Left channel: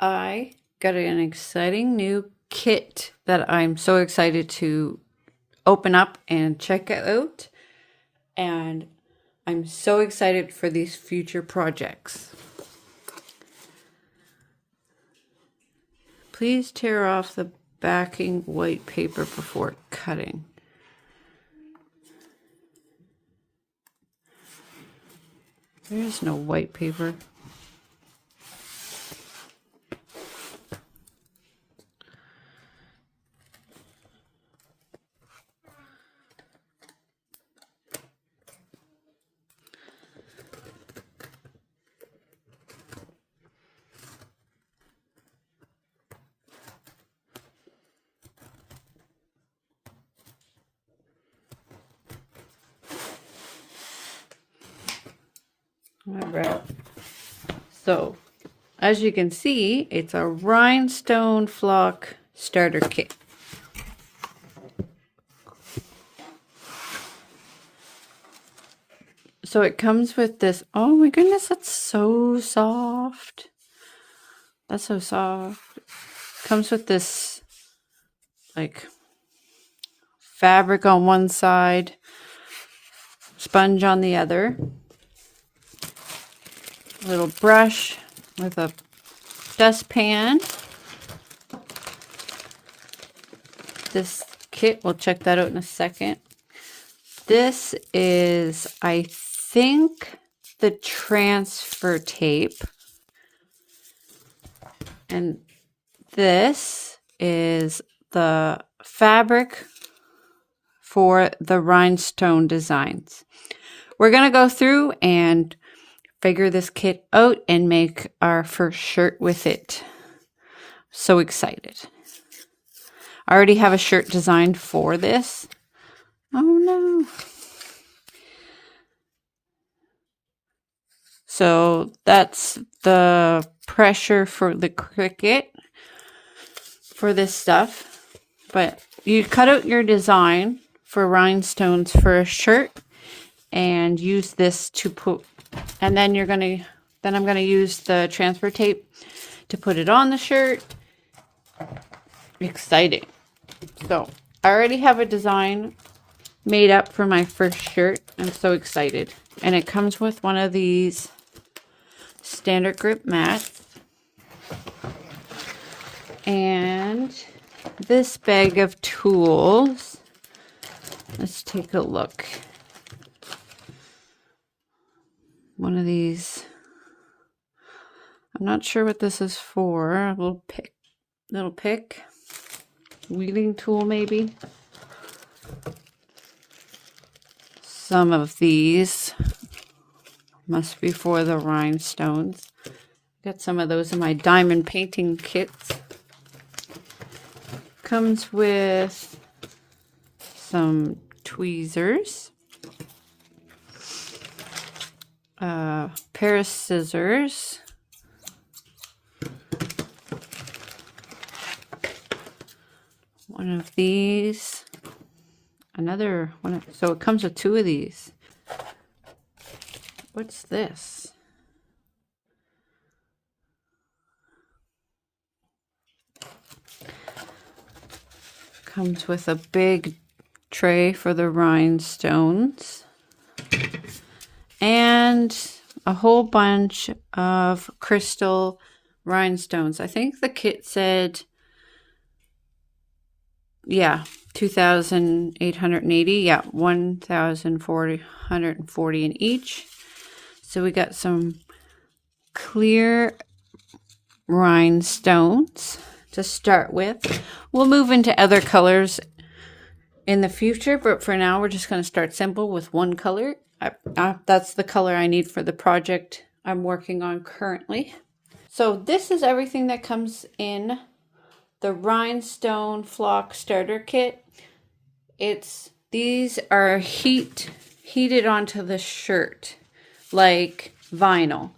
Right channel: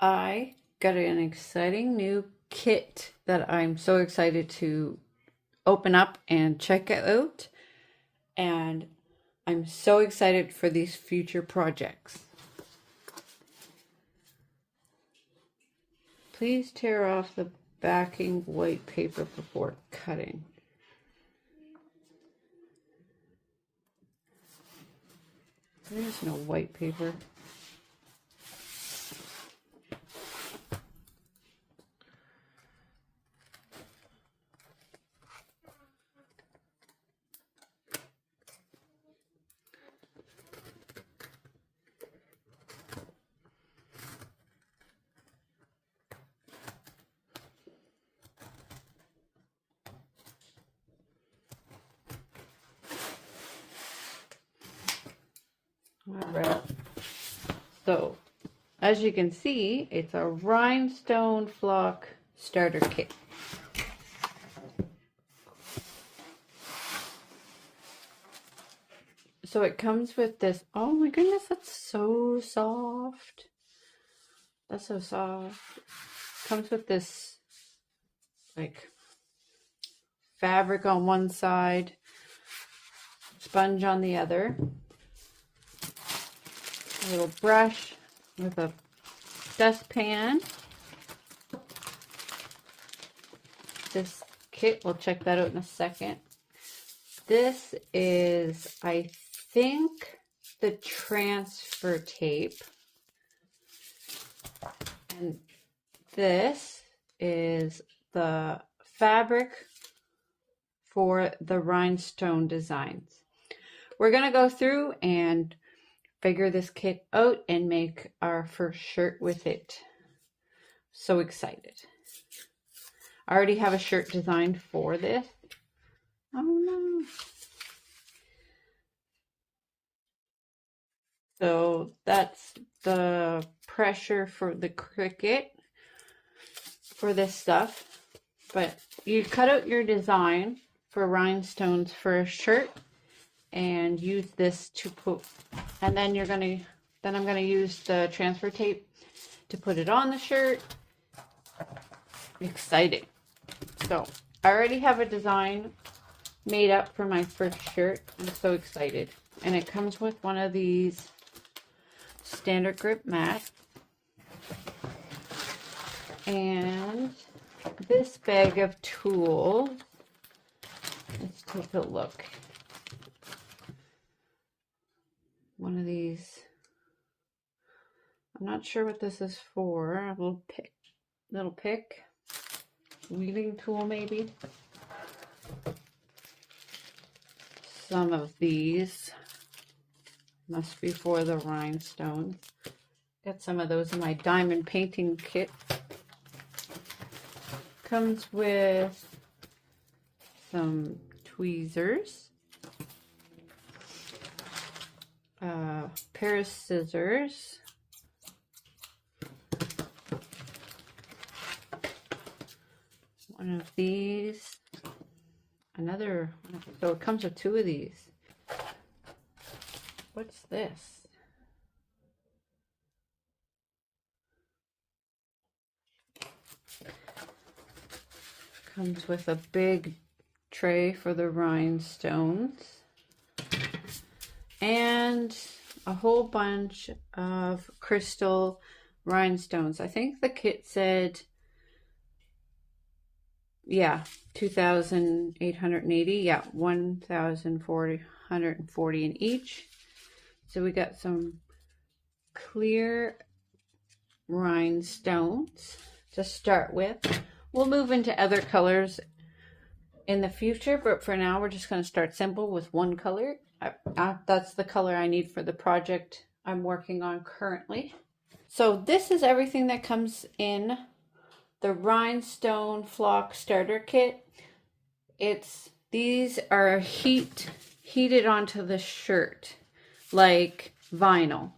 I got an exciting new kit that I'm so excited to open up and check out. And I'm so excited for these future projects. Please tear off the backing white paper before cutting. There is no white paper. All right. So, as you can see, it's a rhinestone flock starter kit. So it comes with this, oh my goodness, that's so soft. That's so soft. It comes with this like fabric on one side, sponge on the other, a little brush with a dustpan. This kit, we'll check that out in a second. This is, I think, the transfer tape. And this is the fabric for the rhinestone designs. We're going to go through and figure this kit out and make our first shirt with it. So excited. I already have a shirt designed for this. Oh no. So that's the pressure for the Cricut for this stuff. But you cut out your design for rhinestones for a shirt and use this to put, and then I'm gonna use the transfer tape to put it on the shirt. Exciting. So I already have a design made up for my first shirt. I'm so excited. And it comes with one of these standard grip mats. And this bag of tools. Let's take a look. One of these. I'm not sure what this is for. A little pick. Weeding tool maybe. Some of these must be for the rhinestones. Got some of those in my diamond painting kits. Comes with some tweezers, a pair of scissors, one of these, another one. So it comes with two of these. What's this? Comes with a big tray for the rhinestones and a whole bunch of crystal rhinestones. I think the kit said, yeah, 2,880. Yeah, 1,440 in each. So we got some clear rhinestones to start with. We'll move into other colors in the future, but for now we're just going to start simple with one color. That's the color I need for the project I'm working on currently. So this is everything that comes in the rhinestone flock starter kit. These are heated onto the shirt like vinyl.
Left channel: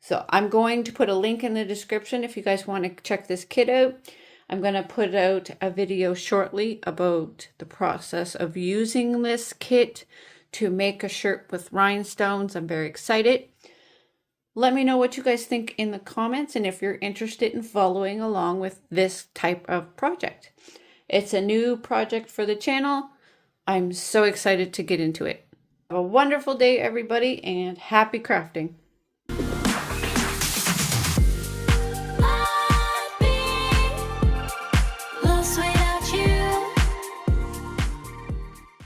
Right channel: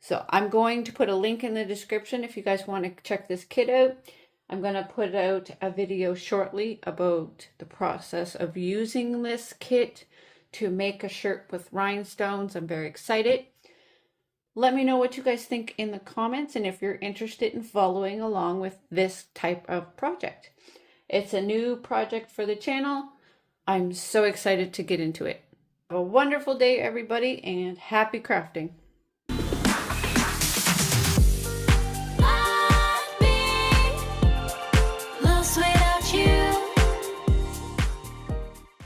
So I'm going to put a link in the description if you guys want to check this kit out. I'm going to put out a video shortly about the process of using this kit to make a shirt with rhinestones. I'm very excited. Let me know what you guys think in the comments and if you're interested in following along with this type of project. It's a new project for the channel. I'm so excited to get into it. Have a wonderful day, everybody, and happy crafting.